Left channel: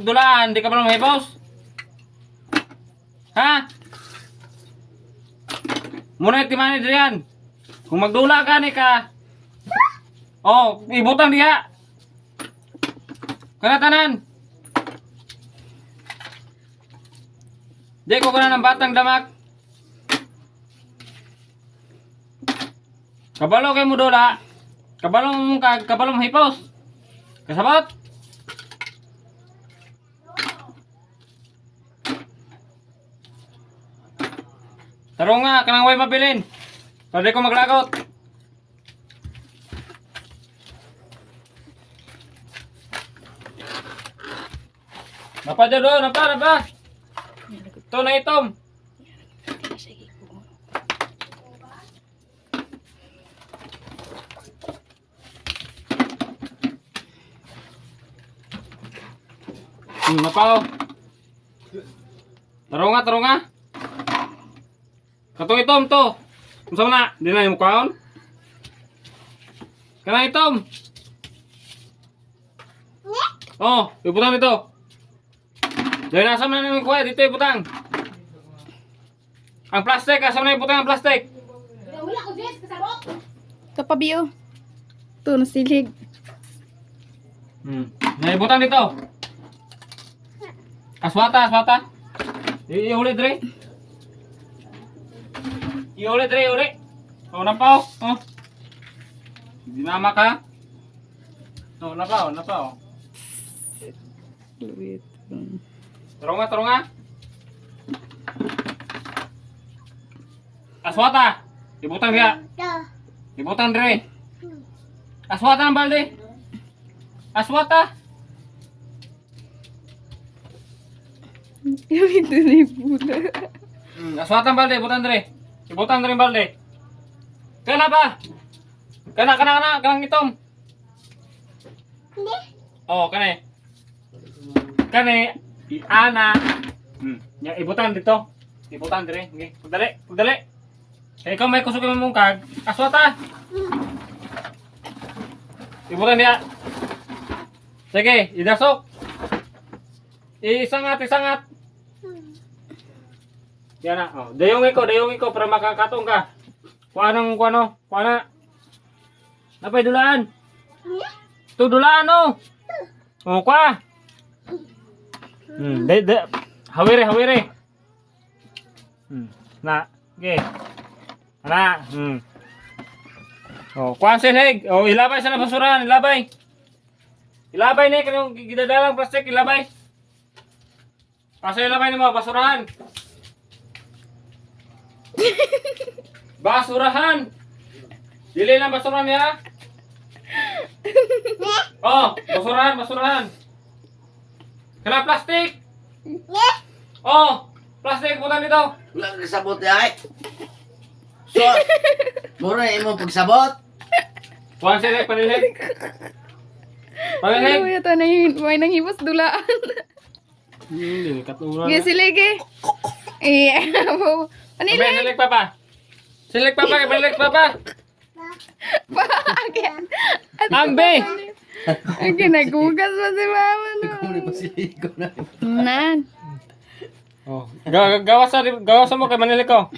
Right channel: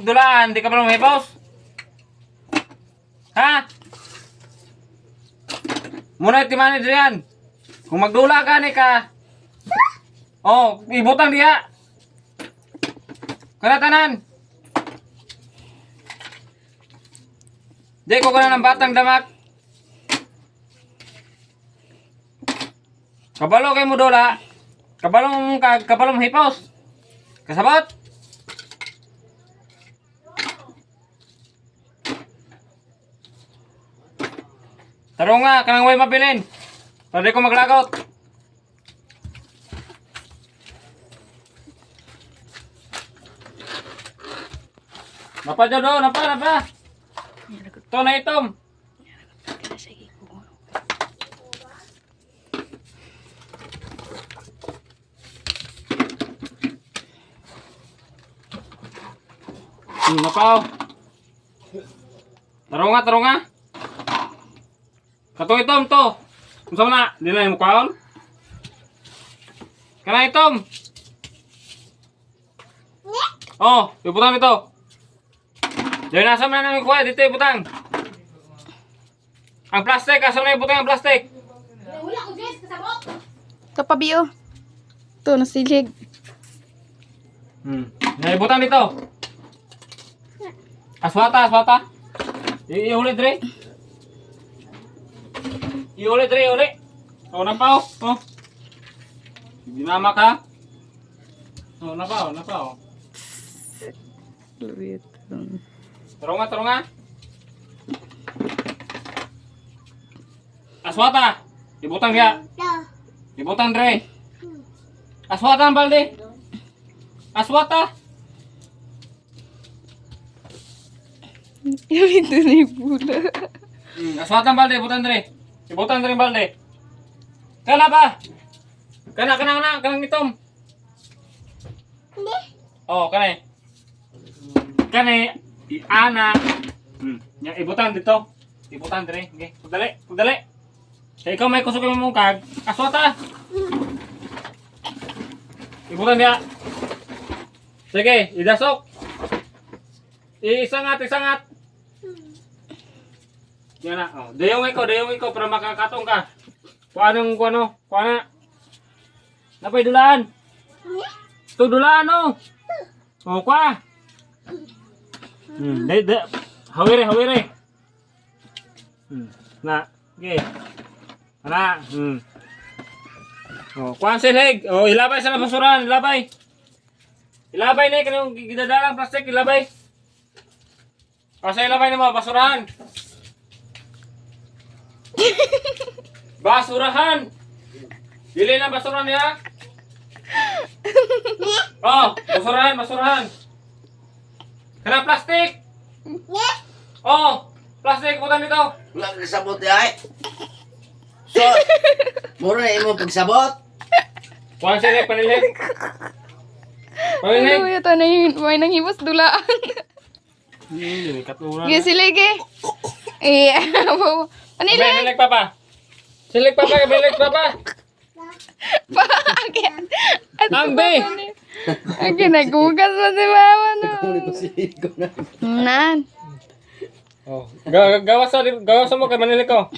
magdulaan, di ka ba lumipos? Ha? Muna timani diyan. Kung magdula ka ni ka. Oh, ibutang diha. Kana tanan. Di ko kana ng batang damak. Kabalo kay mo dula. Kabalo mo hipos. Kasabot. Taro nga, kanang way mabilin. Para di ko maglagot. Napa dyan do, napa. Ito na itom. Napa o. Taro nga. Katong itom to. Unsa man na? Di na yung mukhaon? Kana itom. Oh, ibutang dito. Dahil nasa man na yung kuha, dito ibutang. Ang plastic, asa na ibutang ang plastic? Wala ko, Jess, kasabot. Ito pa, Bio. Ito, nasilig. Naibutang dito. Aswata. Ihuli dre. Ihuli. Oh, napaw. Oh. Hindi mama ka. Oh, napaw. Luwit. Taro nga. Aswata. Ibutang dia. Ibutang dre. Aswata ang balde. Aswata. Ito na yung bula. Aswata ang balde. Ibutang dre. Ibutang dre ang balde. Kana ba? Kanang itom. Oh, kanay. Ana. Ya ibutan dito. Ibutan dire. Okay. Pagdali. Kaya ikaw may kusog yung mungkag. Aswata. Ibutan dia. Sige, idasok. Isangat. Yan na. Oh, dayong ko para makakatong ka. Kuana. Napay dulaan. Ito dulaan oh. Oh, kwa. Hawire. Na, okay. Ana. Oh, kuan silig. Oh, ilabay sa basurahan, ilabay. Ilabay ni kanang gidadalang plastic, ilabay. Asa ilabay nimo basurahan? Basurahan. Dili na basurahan ya. Oh, basurahan. Kana plastic? Oh, plastic putan dito. Wala ka sabot ay. So, mura na imo pagsabot. Kuan silig panilig. Ano ito na yung may nanghibos dulaan. Katuran. Sige, silig eh. Panilig. Silig papa. Pakakyan. Ambe. Ang ginagugas mo si mama no. Kumuli ko ko na. Nan. Oh, gawas mo kay manilig ko.